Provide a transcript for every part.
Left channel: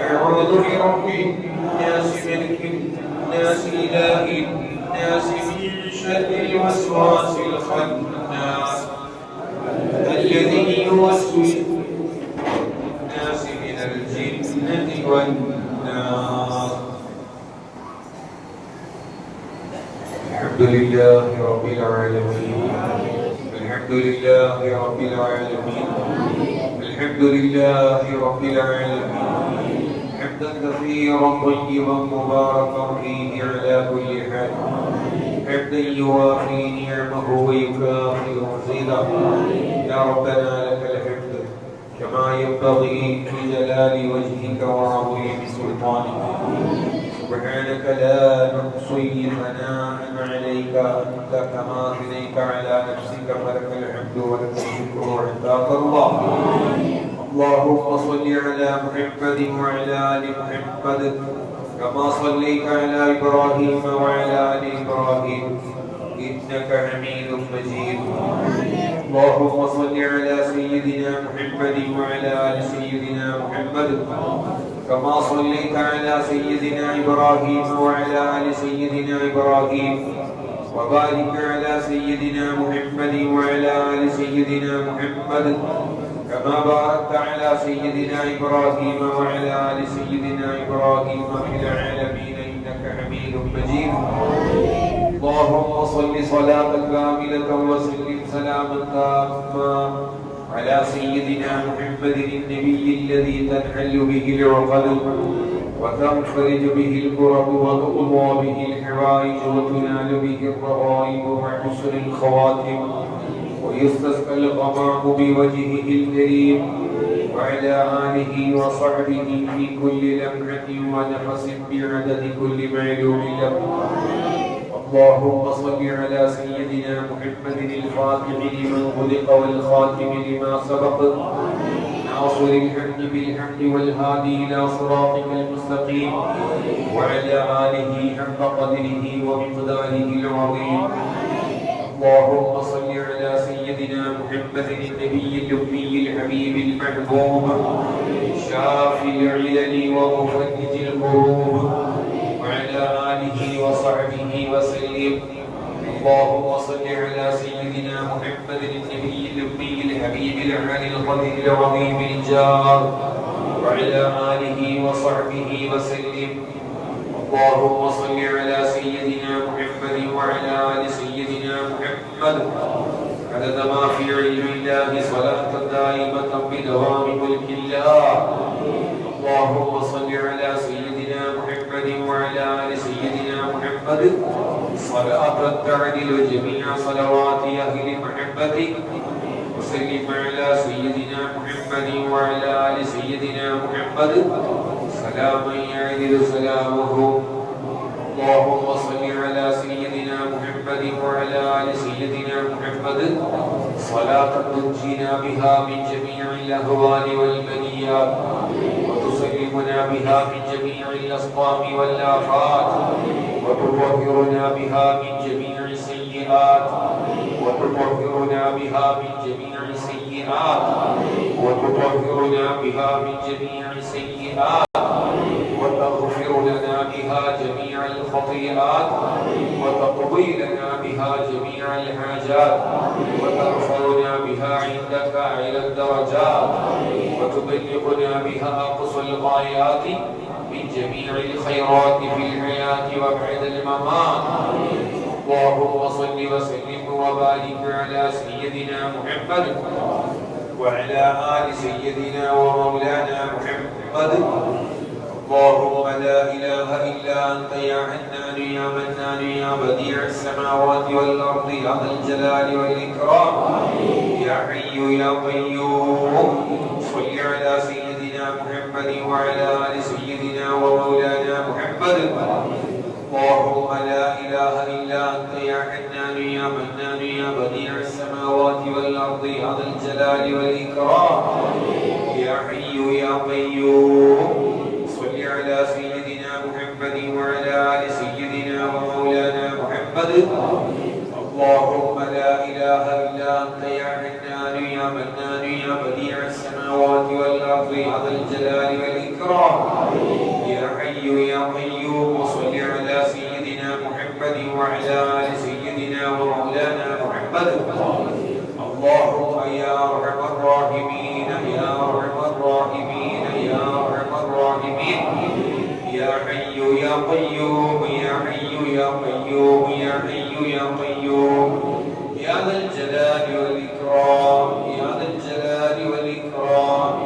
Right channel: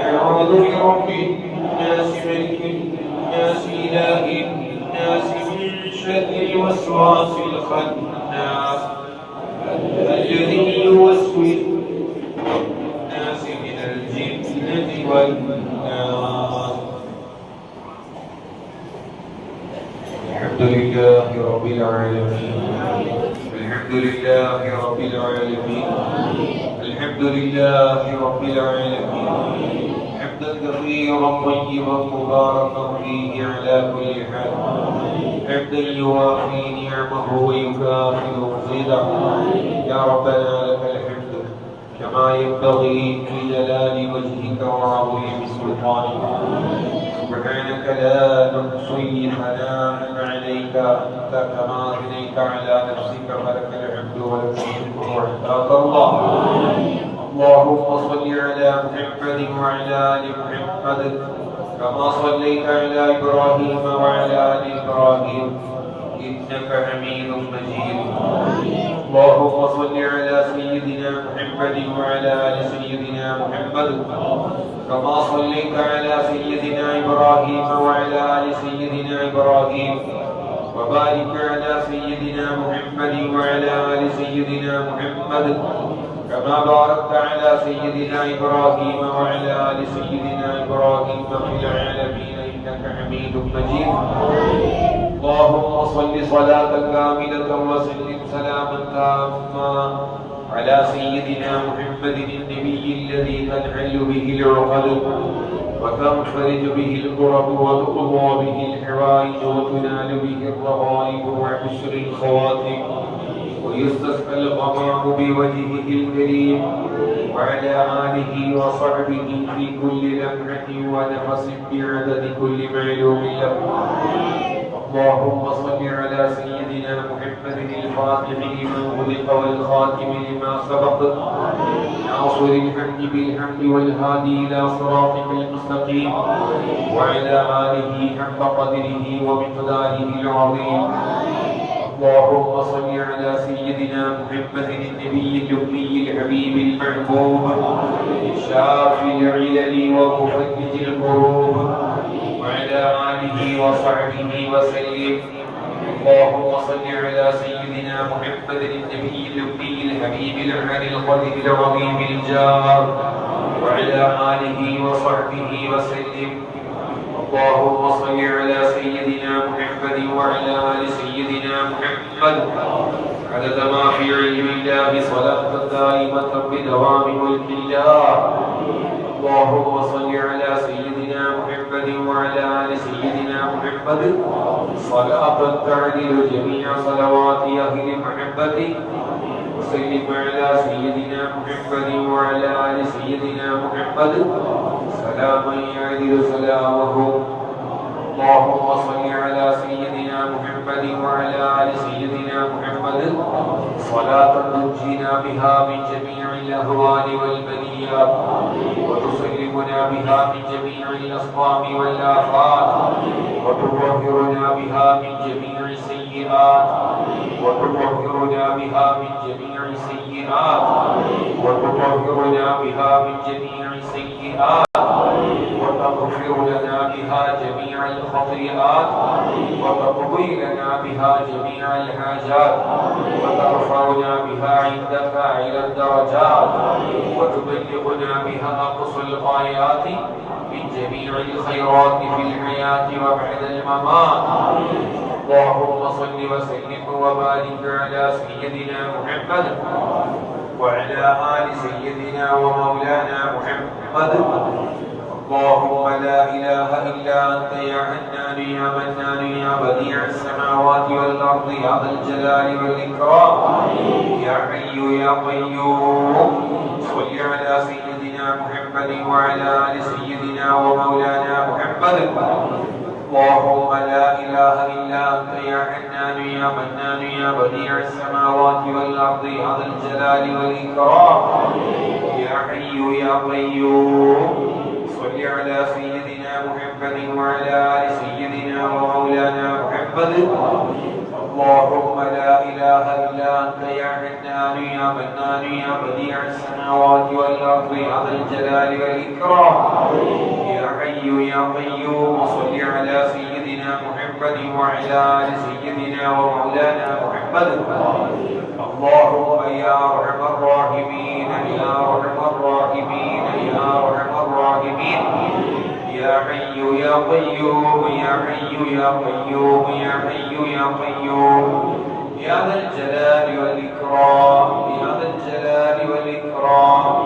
أعوذ برب الناس ملك الناس إله الناس من شر الوسواس الخناس. الذي يوسوس الناس من الجنة والناس. الحمد لله رب العالمين. الحمد لله رب العالمين. الحمد لله رب العالمين. حمدا كثيرا طيبا مباركا فيه على كل حال. حمدا يوافي نعمه ويكافئ مزيدا يا ربنا لك الحمد. كما ينبغي لجلال وجهك وعظيم سلطانك. سبحانك لا نحصي ثناء عليك أنت كما اثنيت على نفسك فلك الحمد ولك الشكر. عباد الله اللهم صل على محمد وعلى آل محمد كما صليت على إبراهيم وعلى آل إبراهيم. إنك حميد مجيد. اللهم صل على سيدنا محمد وعلى آل سيدنا محمد كما صليت على سيدنا إبراهيم وعلى آل سيدنا إبراهيم. وبارك على سيدنا محمد وعلى آل سيدنا محمد كما باركت على سيدنا إبراهيم وعلى آل سيدنا إبراهيم في العالمين إنك حميد مجيد. اللهم صل صلاة كاملة وسلم سلاما تاما على سيدنا محمد النبي الذي تنحل به العقد وتنفرج به الكرب وتقضى به الحوائج وتنال به الرغائب وحسن الخواتم ويستسقى الغمام بوجهه الكريم وعلى آله وصحبه في كل لمحة ونفس بعدد كل معلوم له. اللهم صل على سيدنا محمد الفاتح لما خلق والخاتم لما سبق. ناصر الحمد بالحمد والهادي إلى صراطك المستقيم وعلى آله حق قدره ومقداره العظيم. اللهم صل على سيدنا محمد النبي الأمي الحبيب المحبوب شافي العلل ومفرج الكروب وعلى آله وصحبه وسلم. اللهم صل على سيدنا محمد النبي الأمي الحبيب العلي القدر العظيم الجار وعلى آله وصحبه وسلم. اللهم صل على سيدنا محمد وعلى آل سيدنا محمد. عدد ما في علم الله صلاة دائمة بدوام ملك الله. اللهم صل على سيدنا محمد وعلى آل سيدنا محمد. صلاة تعدل جميع صلوات أهل محمد وسلم على سيدنا محمد وعلى ال سيدنا محمد سلاما يعدل سلامه اللهم صل على سيدنا محمد وعلى ال سيدنا محمد صلاة تنجينا بها من جميع الاهوال والبليات وتسلمنا بها من جميع الاسقام والآفات. وتطهرنا بها من جميع السيئات. وتطهرنا بها من جميع السيئات. وتطهرنا بها من جميع السيئات. الخطيئات وتقضي لنا بها جميع الحاجات وترفعنا بها عندك إلى الدرجات وتبلغنا بها أقصى الغايات من جميع الخيرات في الحياة وبعد الممات. اللهم صل وسلم وبارك على سيدنا محمد وعلى آل سيدنا ومولانا محمد. اللهم لا إله إلا أنت يا حنان يا منان يا بديع السماوات والأرض يا ذا الجلال والإكرام. يا حي يا قيوم. صل على سيدنا محمد وعلى آل سيدنا ومولانا محمد. اللهم لا إله إلا أنت يا حنان يا منان يا بديع السماوات والأرض يا ذا الجلال والإكرام. يا حي يا قيوم. اللهم لا إله إلا أنت يا حنان يا منان يا بديع السماوات والأرض يا ذا الجلال والإكرام. يا حي يا قيوم صل على سيدنا محمد وعلى آل سيدنا ومولانا محمد. اللهم يا أرحم الراحمين يا أرحم الراحمين يا أرحم الراحمين. يا حي يا قيوم يا حي يا قيوم يا حي يا قيوم. يا ذا الجلال والإكرام يا ذا الجلال والإكرام.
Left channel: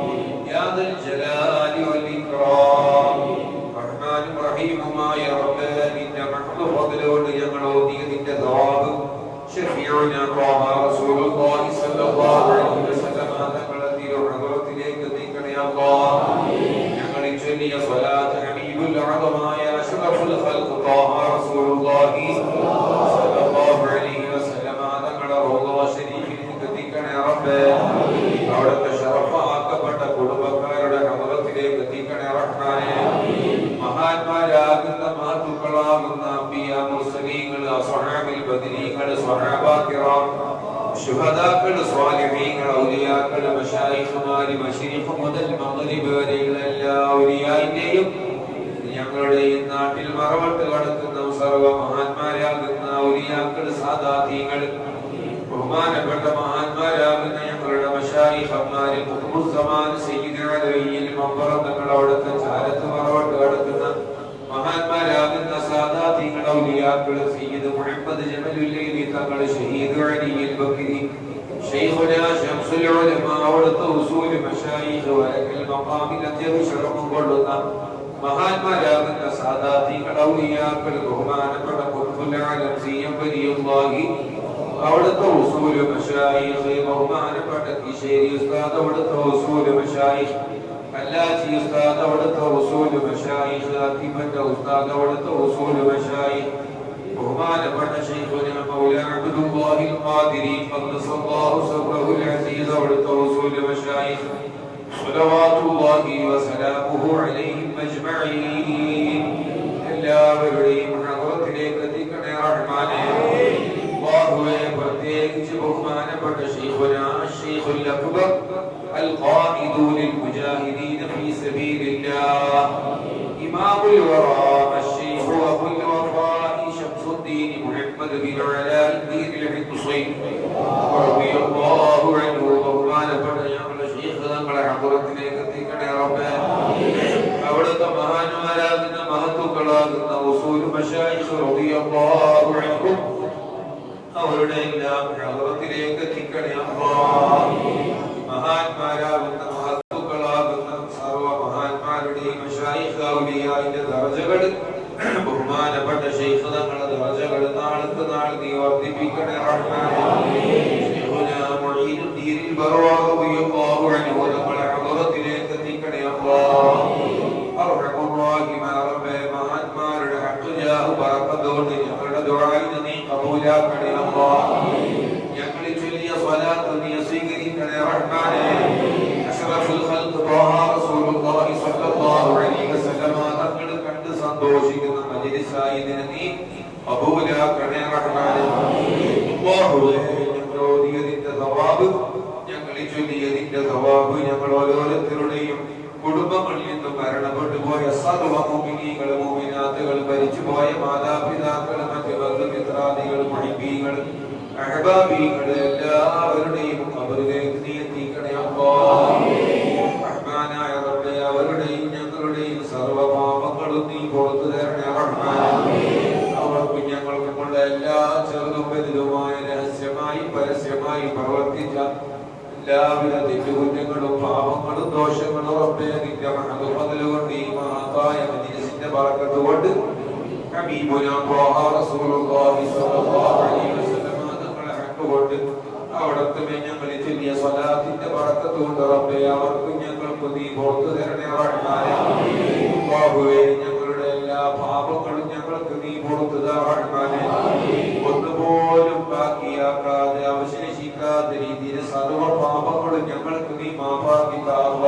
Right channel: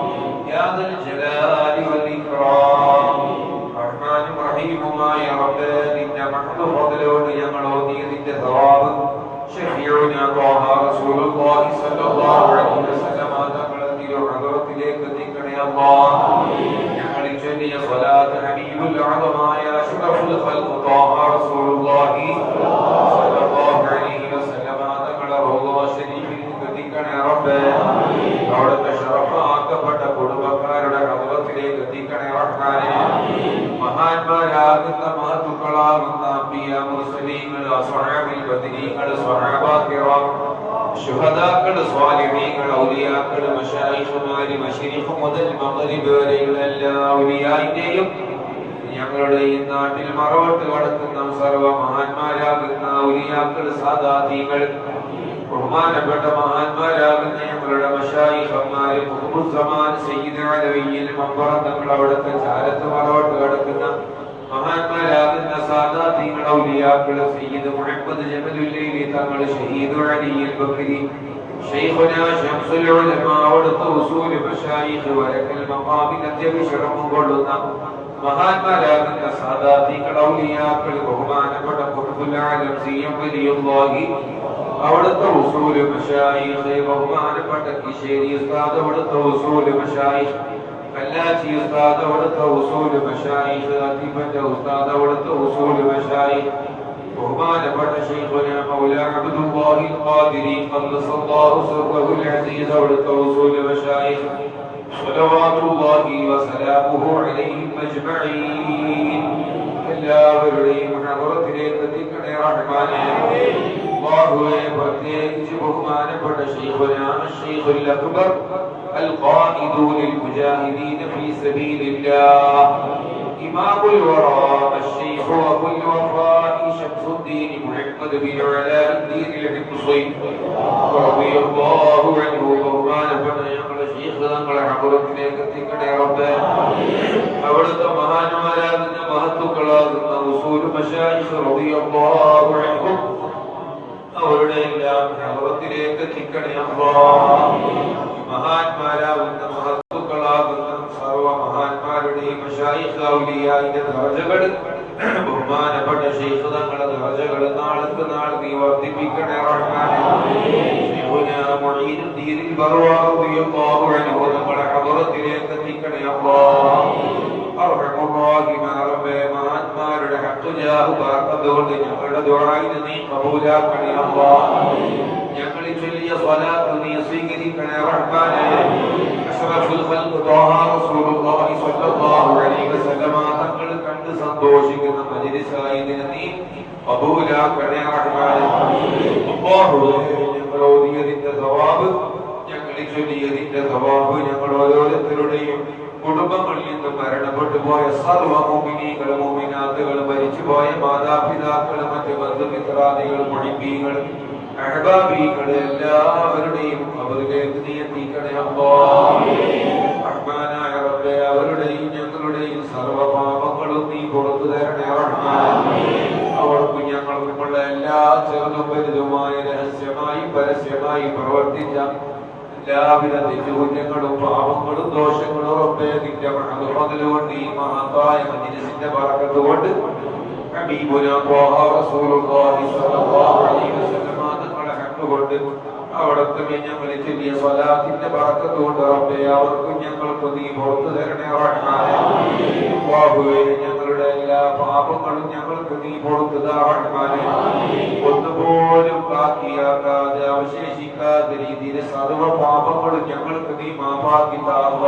റബ്ബേ അവിടുത്തെ ഷറഫാക്കപ്പെട്ട കുടുംബക്കാരുടെ ഹദറത്തിലേക്ക് എത്തിക്കണേ റഹ്മാനെ മഹാന്മാരാകുന്ന മഹത്തുക്കളാകുന്ന അമ്പിയ മുസ്ലിങ്ങൾ സ്വഹാബിൽ ബദിനീങ്ങൾ സ്വഹാബാക്കിറാം ശുഹദാക്കൾ സ്വാലിഹീങ്ങൾ ഔലിയാക്കൾ മശായിഖുമാരി മശരിഫ് മുതൽ മഗ്രിബ് വരെയുള്ള എല്ലാ ഔലിയായിന്റെയും ഞങ്ങളുടെ ഈ നാട്ടിൽ മറവട്ട് കടക്കുന്ന സർവ മഹാന്മാരാകുന്ന ഔലിയാക്കൾ സാദാതീങ്ങൾ ബഹുമാനപ്പെട്ട മഹാന്മാരാകുന്ന ഞങ്ങളുടെ മഷായിഹന്മാര് കുടുംബസമാൻ സയ്യിദുൽ മമ്പറത്തങ്ങൾ അവിടുത്തെ ചാരത്ത് മറവട്ട് കിടക്കുന്ന മഹാന്മാരാകുന്ന സാദാതിങ്ങൾ ഔലിയാക്കൾ സയ്യിദ് മുഹമ്മദ് ജമലുല്ലൈലി തങ്ങൾ ഷഹീദ് അലിയിൽ ബക്കിരി ഷെയ്ഖുനാ ശംസുൽ ഉലമാ അവിടുത്തെ ഉസൂൽ മഷായിഖ് വരക്കൽ മമ്മാമിൽ അത്യവിശ്രമം കൊള്ളുന്ന മഹാന്മാരാകുന്ന സാദാതികൾ ഔലിയാക്കൾ ബഹുമാനപ്പെട്ട കുടുംബുലാലം സി എം വലിയുള്ളാഹി اولت وصول مشایخ و همان پټ شیری استاد اولت وصول مشایخ اللاتي استاد اولت وصول مشایخ اتی پټ استاد اولت وصول مشایخ وهمان پټ شیخنا مولا عبد القادری قدس الله سره العزیز اولت وصول مشایخ صلوات الله وسلامه عليهم أجمعين. إلا بریم حضرت لیکتی کنے رحمانے الله പ്രത്യേകിച്ച് ബഹുമാനപ്പെട്ട ശൈഖുന ശൈഖുൽ അക്ബർ القائد للمجاهدين في سبيل الله إمام الورى الشيخ أبو الوفاء شمس الدين محمد بن علاء الدين الحمصي رضي الله عنه ബഹുമാനപ്പെട്ട ഞങ്ങളുടെ ശൈഖ് തങ്ങളെ ഹദറത്തിലേക്ക് എത്തിക്കണേ റബ്ബേ അവിടുത്തെ മഹാന്മാരാകുന്ന മഹത്തുക്കളാകുന്ന ഉസൂൽ മശായിഖ് റളിയല്ലാഹു അൻഹും അവരുടെ എല്ലാ അവത്തിലേക്ക് എത്തിക്കണേ മഹാത്മാരാകുന്ന മഹത്തുക്കളാകുന്ന സർവ മഹാത്മാരുടെയും ദർജകൾ ബഹുമാനപ്പെട്ട ശൈഖുതങ്ങളുടെ ദർജകൾ നാൾക്ക് നാൾ നീ വർദ്ധിപ്പിക്കണേ ഞങ്ങളെ അവറത്തിലേക്ക് എത്തിക്കണേ അപ്പോ അവർ ബറക്കത്ത് കൊണ്ട് ഞങ്ങളുടെ ദുആഇനെ നീ കബൂലാക്കണേ അല്ലാഹ് ഞങ്ങളിൽ ചൊല്ലിയ സ്വലാത്ത് നീ സ്വീകരിക്കണേ റഹ്മാനേ. അഷ്റഫുൽ ഖൽഖ് റസൂലുള്ളാഹി സ്വല്ലല്ലാഹു അലൈഹി വസല്ലമ തങ്ങൾ കണ്ട് സന്തോഷിക്കുന്ന മജ്ലിസായതിനെ നീ കബൂലാക്കണേ റഹ്മാനേ. അല്ലാഹുവേ ഞങ്ങൾ ഓതിയതിന്റെ സവാബ് ഞങ്ങളിൽ ചൊല്ലിയതിന്റെ സവാബ് ഞങ്ങൾ ഓരോരുത്തരുടെയും കുടുംബങ്ങളിൽ നിന്നും മരണപ്പെട്ടുപോയ പോയ സർവ മോമിനികളും മോമിനാത്തുകളും മരിച്ചുപോയ മാതാപിതാക്കളും മറ്റു ബന്ധുമിത്രാദികളും മണിബീകളും അഹബാബികൾ എല്ലാവരുടെയും അവരിലേക്ക് നീ അല്ലാഹ്. റഹ്മാനായ അവരുടെയും ഞങ്ങളുടെയും സർവ പാപങ്ങളും നീ പുറത്തു തരണേ റഹ്മാനേ അവർക്കും ഞങ്ങൾക്കുമുള്ള എല്ലാ ചെറുതും വലുതുമായ രഹസ്യമായി പരസ്യമായി പ്രവർത്തിച്ച എല്ലാവിധ തെറ്റുകുറ്റങ്ങളും പാപങ്ങളും ദോഷങ്ങളും റബ്ബേ നിന്റെ മഹതുകൊണ്ട് ഈ മഹത്തായ മജ്ലിസിന്റെ പറക്കത്തുകൊണ്ട് ഹബീബുനാ ത്വാഹ റസൂലുള്ളാഹി സ്വല്ലല്ലാഹു അലൈഹി വസല്ലം തങ്ങളെ ഹക്ക് കൊണ്ട് അവിടത്തെ ഞങ്ങൾ ചൊല്ലിയ സ്വലാത്തിന്റെ ബറക്കത്ത് കൊണ്ട് റബ്ബേ അവർക്കും നീ പുറത്തു തരണേ റഹ്മാനേ. അല്ലാഹുവേ ഞങ്ങളുടെ എല്ലാ പാപങ്ങളും ഞങ്ങൾക്ക് നീ കൊടുത്തതാണേ ഒന്നുപോലും ബാക്കിയാക്കാതെ അവശേഷിക്കാത്ത രീതിയിൽ സർവ പാപങ്ങളും ഞങ്ങൾക്ക് നീ മാപ്പാക്കി താവ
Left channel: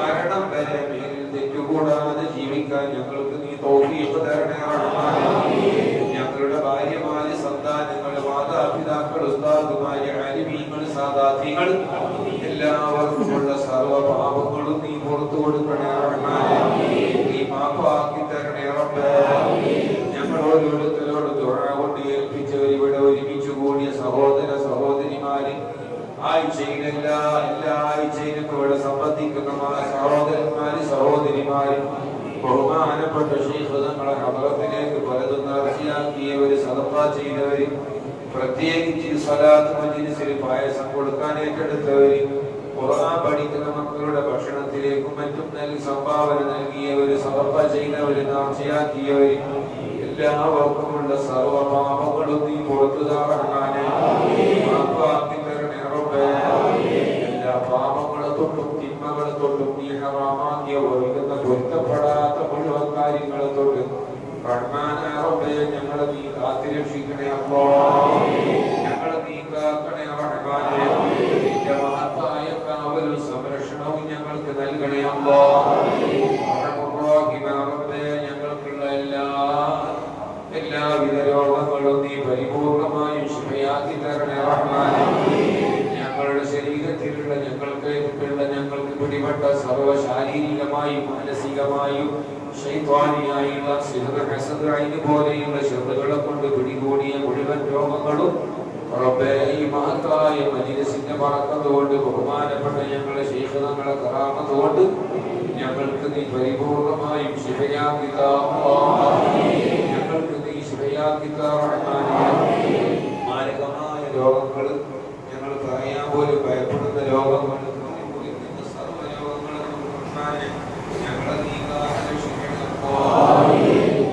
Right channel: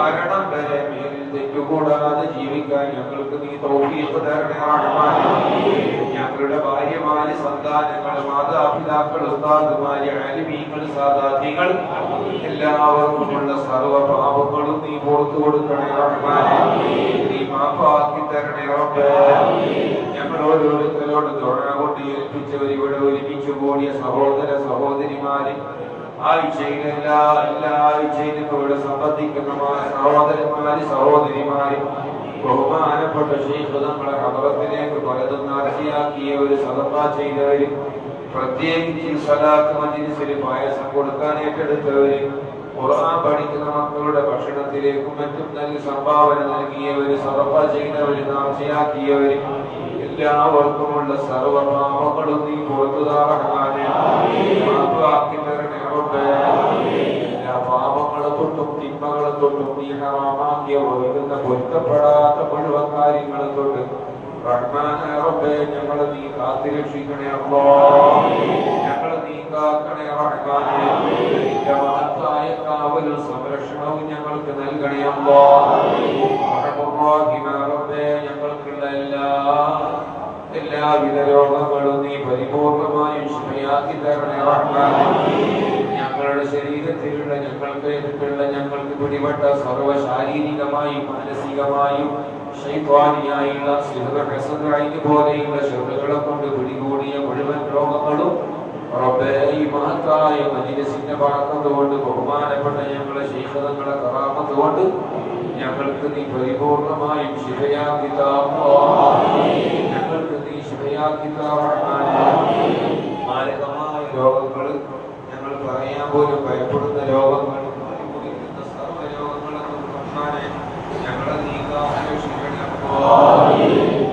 മരണം വരെ മേലിൽ തെറ്റുകൂടാതെ ജീവിക്കാൻ ഞങ്ങൾക്ക് നീ തൗഫീഖ് തരണേ റഹ്മാനേ ഞങ്ങളുടെ ഭാര്യമാര് സന്താനങ്ങൾ മാതാപിതാക്കൾ ഉസ്താദുമാര് ആലിമീങ്ങൾ സാധാതികൾ എല്ലാവർക്കുമുള്ള സർവഭാവങ്ങളും നീ പുറത്തു കൊടുക്കണേ റഹ്മാനെ. നീ മാപ്പാക്കി തരണേ ഞങ്ങൾ ഓരോരുത്തരോട് ഏൽപ്പിച്ചവർ ഇവിടെ ഒരുമിച്ച് കൂടിയ സഹോദര സഹോദരിമാര്. ആഴ്ചയിൽ എല്ലാ എല്ലാ ആഴ്ചയിലും ഇവിടെ സംബന്ധിക്കുന്ന സഹോദരന്മാര് സഹോദരിമാര് ബഹുമാനപ്പെട്ട ശൈഖ് നമ്മളെ ഹദ്റത്തിലേക്ക് പലതും നേർച്ചയാക്കിയവര് സദഖ ചെയ്തവര് പ്രത്യേകിച്ച് സലാത്ത് മജ്ലിസിൽ പായസം കൊടുക്കാൻ ഏറ്റെടുത്തവര് ഖുർആൻ പഠിക്കുന്ന മക്കളുടെ ഭക്ഷണത്തിലേക്കും മറ്റും നൽകി സംഭാവന നൽകിയവര് സദഖ ചെയ്തവര് നേർച്ചയാക്കിയവര് എല്ലാവർക്കുമുള്ള സർവഭാവങ്ങളും നീ പുറത്തു താറഹാനെ തൊട്ടും നീ ഹറാമാക്കിയ ഒഴുകുന്ന പൊരുത്തപ്പെടാത്ത മുഴുവൻ കാര്യങ്ങളെ തൊട്ട് റഹ്മാനായ റബ്ബേ ഞങ്ങളെ നീ കാത്തിരക്ഷിക്കണേ അല്ലാ ഞങ്ങളെ നീ കാക്കണേ റഹ്മാനെ. നിന്റെ മഹത്തായ കാവലും സംരക്ഷണവും ഞങ്ങൾക്ക് നൽകണേ അല്ലാ റബ്ബേ ഞങ്ങൾക്കുള്ള എല്ലാ എല്ലാവിധ രോഗങ്ങളും നീ പരിപൂർണമായും ശുഭയാക്കി തരണേ റഹ്മാനെ. ഞങ്ങളുടെ ശരീരത്തിലുള്ള ഞങ്ങൾക്ക് ഉള്ള ഞങ്ങൾക്ക് പിടിപെട്ട സർവ ശാരീരികമായും മാനസികമായും ശൈത്വാനിയായുള്ള സിഹറസദ് പോലെയുള്ള ശബ്ദങ്ങളെ കൊണ്ട് പിടികൂടിയ മുഴുവൻ രോഗങ്ങളും ഈ മഹത്തായ മജിലിസിന്റെ പറക്കത് കൊണ്ട് ബഹുമാനപ്പെട്ട ഞങ്ങളെ ശൈഖതങ്ങളെ കറാമത് കൊണ്ട് ഞങ്ങൾക്ക് നീ പരിപൂർണമായും ശിവയാക്കി താ ഞങ്ങൾക്ക് നീ ശിവയാക്കി താ റഹ്മാനേ മാരകമായ രോഗങ്ങൾ പോലും ഭയപ്പെടുന്ന രോഗങ്ങൾ കുടിക്കുന്ന സർവ രോഗങ്ങളും റഹ്മാനെ ഞങ്ങളെ നീക്കാൻ കാത്തുരക്ഷിക്കണേ അല്ലാഹുവേ